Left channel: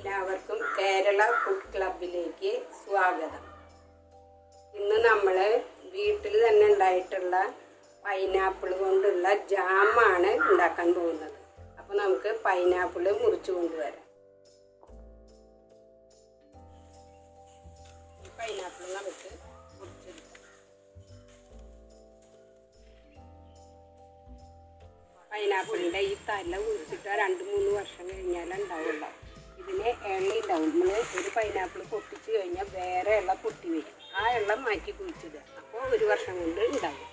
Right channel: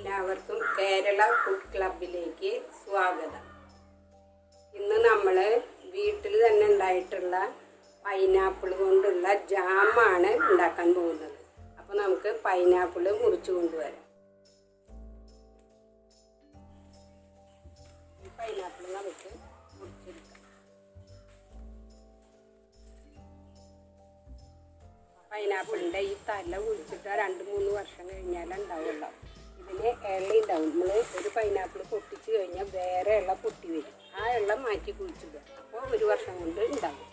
എല്ലാവർക്കും കേരള ഫുഡ് ക്ലബിലേക്ക് സ്വാഗതം. ഇന്ന് നമ്മൾ വീട്ടിൽ തന്നെ ഉണ്ടായിട്ടുള്ള പൈനാപ്പിൾ കൊണ്ടുള്ള ജാമാണ് ഉണ്ടാക്കാൻ പോകുന്നത്. അപ്പോൾ നമുക്ക് പൈനാപ്പിൾ മുറിച്ച് കൊണ്ടുവരാം. ഈ പൈനാപ്പിൾ നമുക്ക് മുറിച്ചെടുക്കാം. പൈനാപ്പിളിൻ്റെ ഈ തല കുഴിച്ചിട്ട് 2-3 വർഷം കഴിഞ്ഞാൽ ഉണ്ടാവുള്ളൂ. ഇതിന് എണ്ണ ഉണ്ടാവും. നമ്മൾ ഒരു പൈനാപ്പിൾ പൊട്ടിച്ച് കഴിഞ്ഞാൽ വേറെ എണ്ണ പൊട്ടി വരും. ആ എണ്ണ മാറ്റി കുഴിച്ചിടുക. അപ്പോൾ 1 വർഷം കൊണ്ട് ഉണ്ടാവും.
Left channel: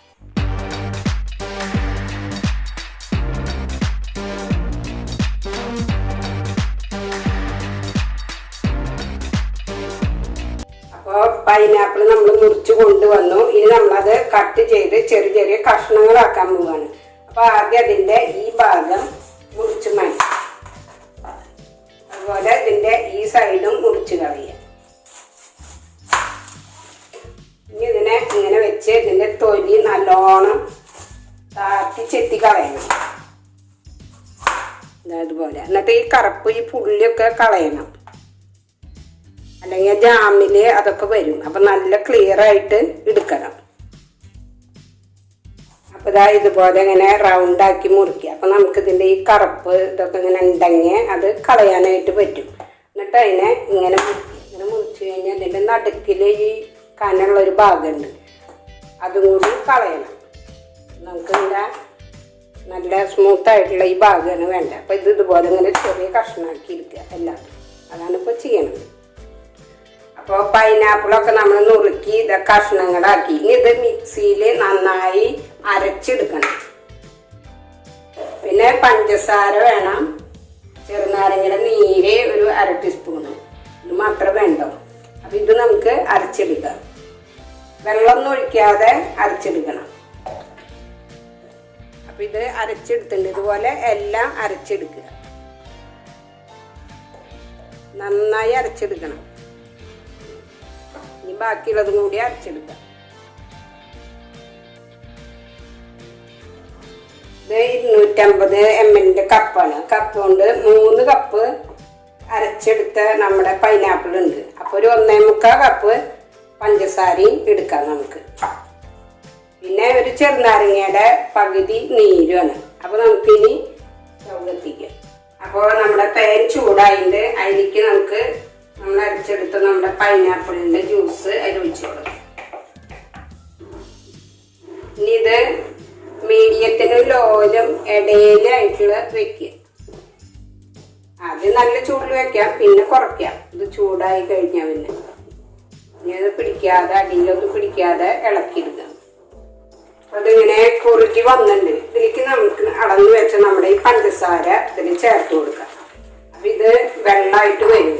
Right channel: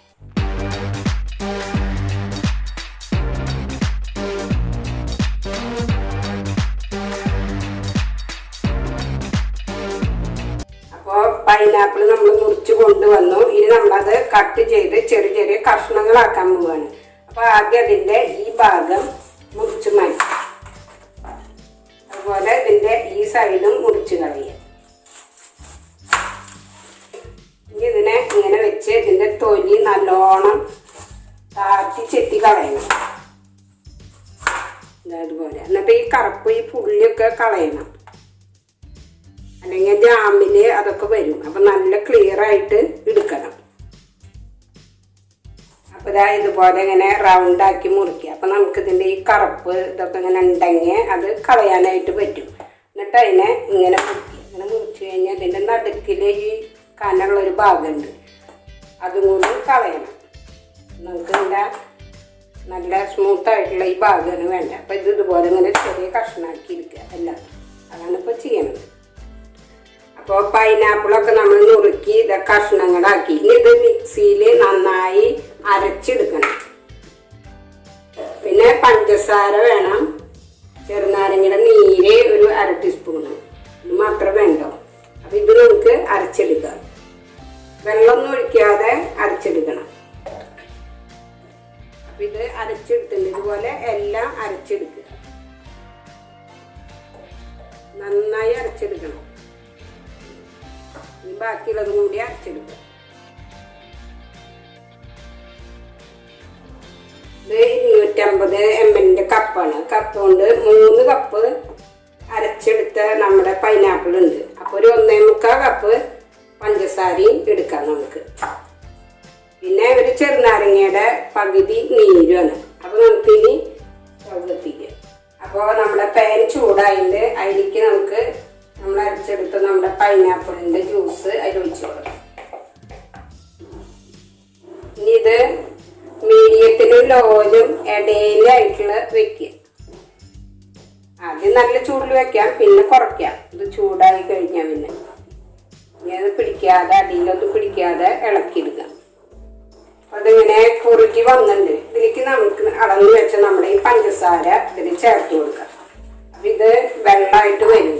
അപ്പോൾ പൈനാപ്പിൾ നമ്മൾ മുറിച്ച് കൊണ്ടുവന്നു. ഇനി നമ്മളത് കട്ട് ചെയ്ത് ചെറിയ ചെറിയ കഷ്ണങ്ങളാക്കാൻ പോവുകയാണ്. അപ്പോൾ ആദ്യം അതിൻ്റെ ഈ ഭാഗം മുറിച്ച് മാറ്റി, അതുപോലെ ഇതിൻ്റെ ഈ സൈഡും മുറിച്ച് കളയുക. ഇനി ഇതിനെ ഇങ്ങനെ വെച്ച് ഇതിൻ്റെ തൊലി നല്ലോണം താത്തി ചെത്തി കളയണം. അതുപോലെ എന്നിട്ട് ഈ കറുപ്പ് ഈ പുള്ളിയൊക്കെ കളയണം, അല്ലെങ്കിൽ ജാമിൽ അതൊക്കെ വരും. അപ്പം നല്ല ക്ലിയർ ആയിട്ട് എടുക്കണം. അപ്പോൾ ഇതാ ഇതുപോലെ ഇങ്ങനെ റൗണ്ടാക്കി മുറിക്കുക. അപ്പം നമുക്കിതിൻ്റെ ഈ കറുപ്പ് ഇതൊക്കെ ഇങ്ങനെ ഉണ്ടെങ്കിൽ അത് കളയാനായിട്ട് പറ്റും. എന്നിട്ട് അതിനെ ഇങ്ങനെ മുറിച്ച് കഴിഞ്ഞാൽ ഇതിൻ്റെ നടുക്കിൽ ഈ കനമുള്ളൊരു ഭാഗമുണ്ട്, അതും കൂടി കളയണം. നമുക്ക് ഇതിൻ്റെ നല്ല സ്മൂത്തായിട്ടുള്ള ഈ ഭാഗമാണ് വേണ്ട. അപ്പം ഇത് ഇതുപോലെ ഇങ്ങനെ ചെറിയ കഷ്ണമാക്കി എടുക്കുക എല്ലാവരും. അതാണ് ഇപ്പോൾ ചെയ്യണത്. അപ്പോൾ പൈനാപ്പിളൊക്കെ നമ്മൾ നുറുക്കി ഇതൊക്കെ കഷ്ണങ്ങളാക്കി. ഇനി ഇത് മിക്സിയിൽ നന്നായി അരച്ചെടുക്കണം. പിന്നെ പഞ്ചസാര വേണം, ചെറുനാരങ്ങയുടെ നീര് ഒരു 1/2 ടീസ്പൂണ്, ഇത് മാത്രം വേണ്ടോ. അപ്പം ഇത് നമുക്ക് അരച്ചെടുക്കാം. വെള്ളമൊന്നും ഒഴിക്കാതെ അരച്ചെടുക്കണം. അപ്പം ഇത് അരച്ചെടുത്തിട്ടുണ്ട്. ഇതുപോലെ എല്ലാം അരച്ചെടുക്കുക. നന്നായി അരച്ചെടുക്കണം. ഇനി ബാക്കിയുള്ളതും കൂടി അരച്ചെടുക്കാം. ഇത് 250 ml കപ്പാണ്. കപ്പ് കൊണ്ട് 3 കപ്പ് അരച്ചെടുത്ത നമ്മുടെ പൈനാപ്പിൾ ഉണ്ട്. അപ്പോൾ ഒരു 1.25 കപ്പ് പഞ്ചസാരയും എടുക്കാം നമുക്ക്. പിന്നെ ഒരു ചെറുനാരങ്ങയുടെ പകുതി നീരുമാണ്. അപ്പോൾ നമുക്കിനി കത്തിക്കാം. അപ്പോൾ നമ്മുടെ പാൻ ചൂടായിട്ട് അതിലേക്ക് നമുക്ക് നമ്മൾ അരച്ചെടുത്ത നമ്മുടെ പൈനാപ്പിളിൻ്റെ ജ്യൂസ് അതിൽ ഒഴിച്ചു കൊടുക്കാം. ഇനി ഇത് മീഡിയത്തിനും ലോയിലും ഇടയിലായിട്ടുള്ള വെക്കുക. ആദ്യം നല്ല ചൂടിൽ വെക്കാം, പിന്നെ കുറയ്ക്കാം. ഇത് ചൂടായി കഴിഞ്ഞാൽ പിന്നെ ഇനി അത് പിടിക്കാതെ, അടിയിലൊന്നും പിടിക്കാതെ ഇളക്കിയെടുക്കാം. അതിങ്ങനെ കുറുകി വന്നിട്ടുണ്ട്. ഇതിലേക്ക് നമുക്ക് അടങ്ങി വെച്ച നമ്മുടെ ഈ പഞ്ചസാര ഇതിൽ ചേർത്ത് കൊടുക്കാം. അപ്പം ഇത് വെള്ളമായിട്ട് വരും.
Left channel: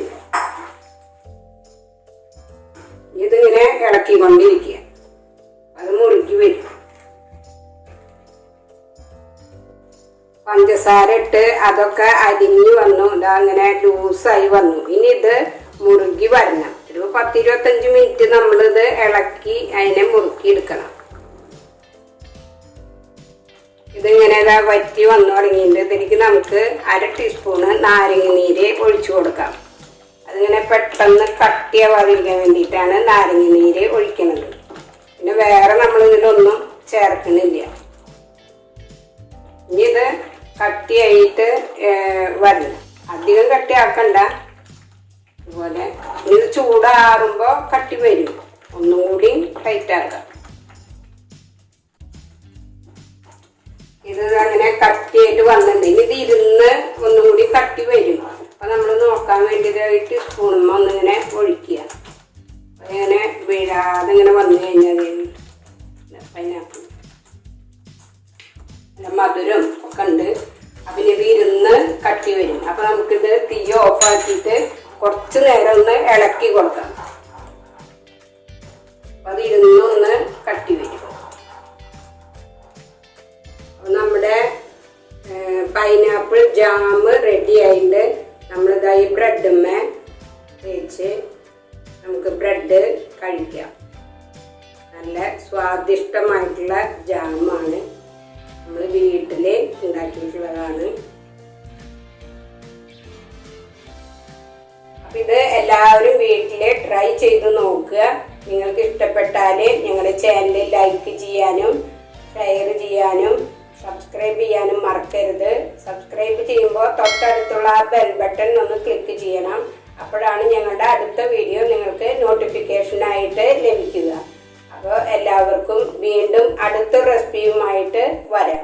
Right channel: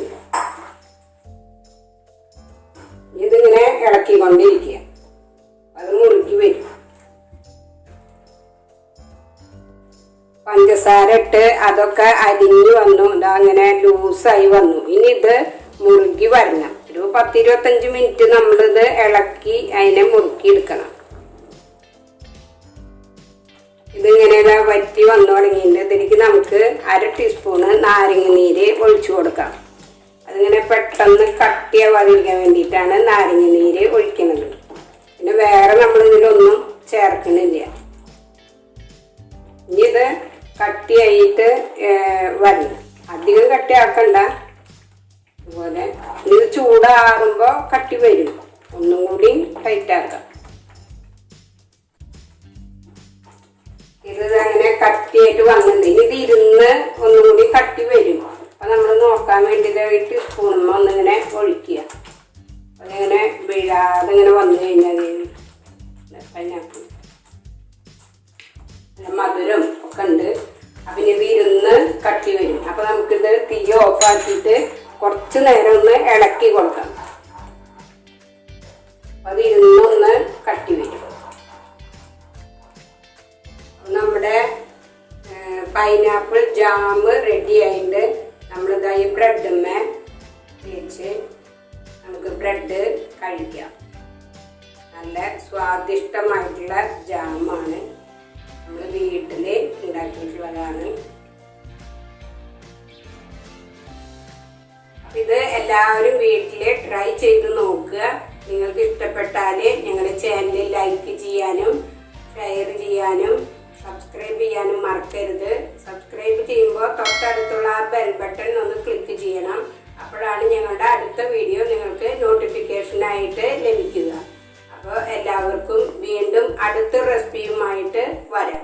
ഇതിങ്ങനെ ഇളക്കിക്കൊണ്ടിരിക്കുക. അത് മുറുകി വരും. പഞ്ചസാര ഇട്ട് അതൊക്കെ അരിഞ്ഞു വന്നു. ഇതങ്ങനെ ലൂസായി വന്നു. ഇനി ഇത് മുറുകി വരണം. ഒരു 10-25 മിനിറ്റ് നമ്മളിത് ഇളക്കി അതിനെ മുറുക്കി എടുക്കണം. ഇതിങ്ങനെ വറ്റി വന്നു തുടങ്ങിയിട്ട് ഇതിലേക്ക് നമുക്ക് 1/2 ടീസ്പൂണ് നാരങ്ങ നീര് ഒഴിച്ചു കൊടുക്കാം. അതിങ്ങനെ പെട്ടെന്ന് കട്ടിയാവാതിരിക്കാൻ വേണ്ടിയിട്ടാണ് നാരങ്ങ നീര് ഒഴിക്കുന്നത്. പിന്നെ വേറെ നമ്മളിതിലൊന്നും ചേർക്കുന്നില്ല. ഇനി ഇത് കട്ടിയായിട്ട് വരണം. അധികം കട്ടിയാക്കണ്ട. അതുപോലെ ഇത് ചൂടാറുമ്പോൾ കട്ടി വരും. ഒന്നും കൂടി ടൈറ്റാക്കാം. ഇത് അങ്ങനെ കട്ടിയായിട്ട് വന്നിട്ടുണ്ട്. ഇനി ഇത് ഇരുന്ന് ഒന്നും കൂടി കട്ടി വരും. അപ്പം നമ്മൾ നോക്കാൻ വേണ്ടിയിട്ട് സ്പൂണുമ്പോൾ ഒന്നിങ്ങനെ ഒഴിക്കുക. അതിങ്ങനെ വീഴാതെ ഇങ്ങനെ വന്നു കഴിഞ്ഞാൽ പൈനാപ്പിൾ നല്ല മധുരം ഒക്കെ ഉണ്ട്. അപ്പം ഇത് ഇരുന്ന് കട്ടി വരും. അപ്പം നമുക്കിത് തീ ഓഫാക്കിയിട്ട് കുറച്ച് നേരം ഒന്ന് ഇളക്കി കൊടുക്കാം. അപ്പം അത് ഇരുന്നൊന്ന് കട്ടി വരും. അപ്പം നമ്മുടെ പൈനാപ്പിൾ ജാം റെഡി ആയിട്ട് നമ്മളിതായി ബ്രെഡുമ്മേ തേച്ച് നമുക്ക് ബ്രെഡ് കഴിക്കാം. നല്ല സ്വാദിഷ്ടമായിട്ടുള്ള ജാമാണ്. നമ്മൾ വീട്ടിൽ ഉണ്ടാക്കിയിട്ടുള്ളതാണ്. ഇത് എല്ലാവരും വീട്ടിൽ ട്രൈ ചെയ്ത് നോക്കുക. നിങ്ങൾക്ക് ഇഷ്ടപ്പെട്ടാൽ ഞങ്ങളുടെ ചാനൽ ലൈക്ക് ചെയ്യാനും ഷെയർ ചെയ്യാനും സബ്സ്ക്രൈബ് ചെയ്യാനും മറക്കരുത്. സബ്സ്ക്രൈബ് ചെയ്യുമ്പോൾ തൊട്ടടുത്തുള്ള ആ ബെൽ ബട്ടൺ ഒന്ന് ക്ലിക്ക് ചെയ്യണം. അപ്പോഴാണ് ഞങ്ങളുടെ അടുത്ത വീഡിയോ നിങ്ങൾക്ക് നോട്ടിഫിക്കേഷനായിട്ട് ലഭിക്കുക. അപ്പോൾ എല്ലാവർക്കും വീണ്ടും അടുത്ത റെസിപ്പിയുമായിട്ട് വരാം.